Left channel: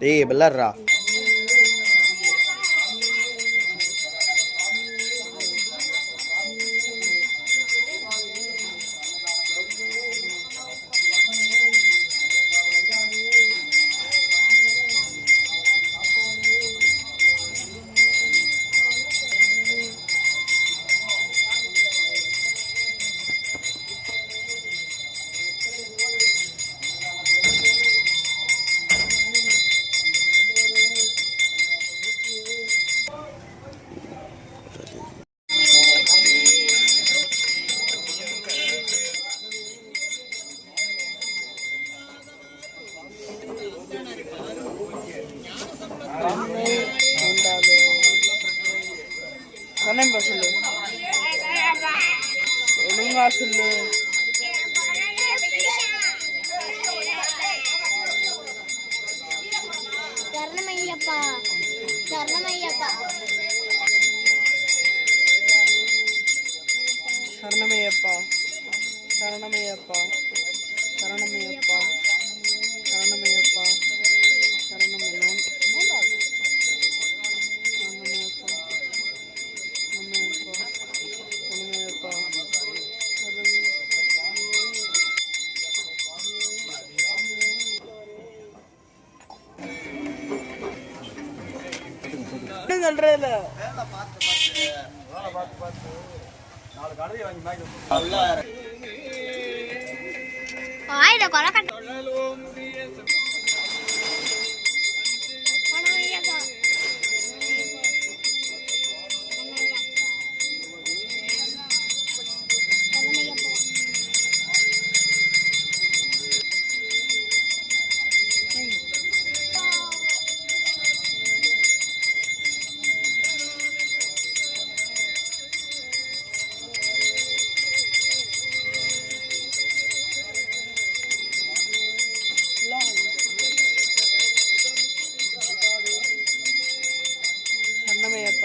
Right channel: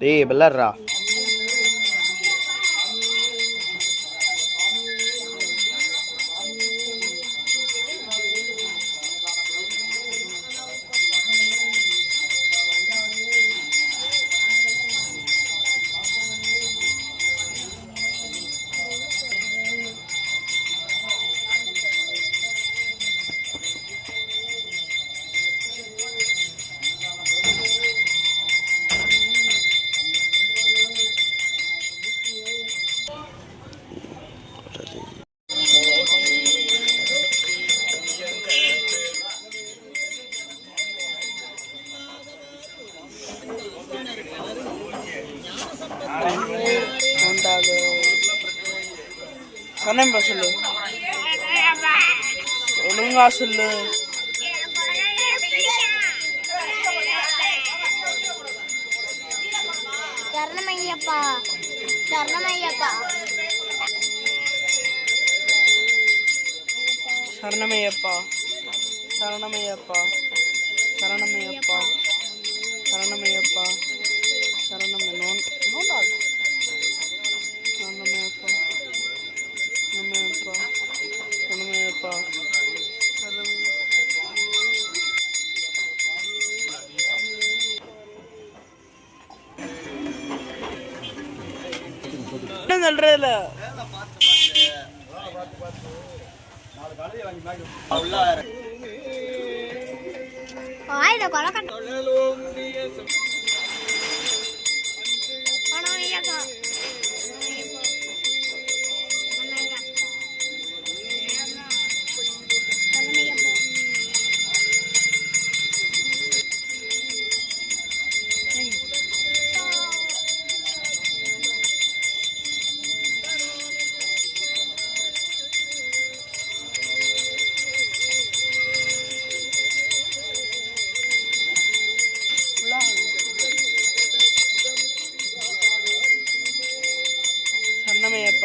டேய் விளாட்றா சொன்னேன்பா சொல்லு ஒழுங்கா சொல்லு சரணமையப்பா சரணமையப்பா சரணமையப்பா சரணமையப்பா சரணமையப்பா சரணமையப்பா ஒண்ணு சொல்றேன் இல்ல ஆயிட கொலை கட்ட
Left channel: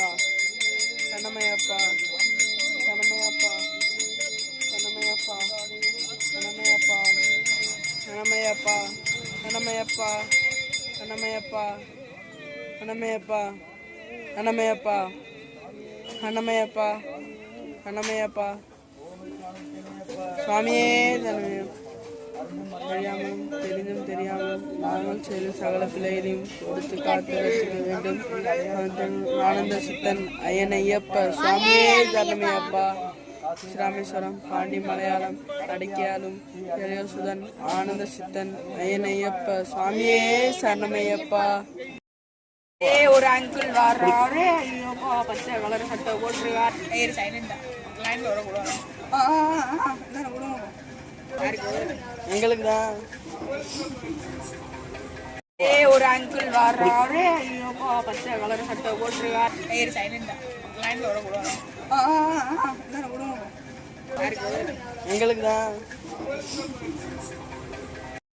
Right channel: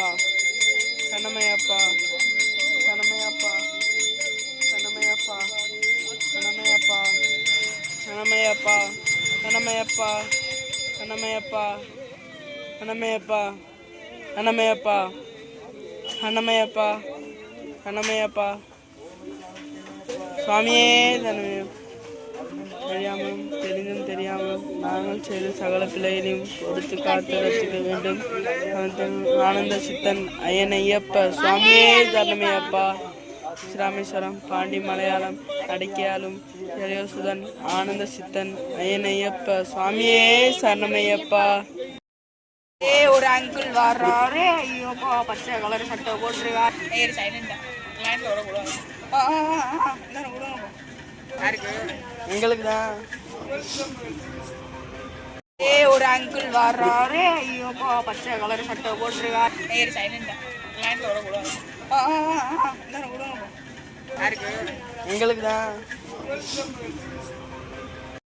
சரணமையப்பா சரணமையப்பா சரணமையப்பா சரணமையப்பா சரணமையப்பா சரணமையப்பா சரணமையப்பா சரணமையப்பா சரணமையப்பா சரணமையப்பா சரணமையப்பா சரணமையப்பா சுவாமியே தனமையப்பா தெரியாமலும் தெரிந்தும் தெரியாமலும் நாங்கள் செய்த சகல பிள்ளைகளையும் கொடுத்து காத்து ரசிக்க வேண்டும் ஆனந்த சித்தன் ஐயன் ஐயப்ப சுவாமியே தரணமையப்பா ஸ்ரீராமேஸ்வரம் பாண்டி மலையாளம் அடிக்கையாலும் ஜெயசுதன் ஆனந்த சித்தன் ஐயன் ஐயப்ப சுவாமியே சரணமையப்பா ஏ ஒரு அங்கிள் வர்றாரு ஐயோப்பா பச்சை கலர் சட்டை ஏறு சைலண்டா எங்களுக்கு தான் ஏ ஒரு அங்கிள் வர்றாரு. ஐயோப்பா பச்சை கலர் சட்டை போட்டுருக்கார். ஏறு சைலண்டா எங்களுக்கு தான்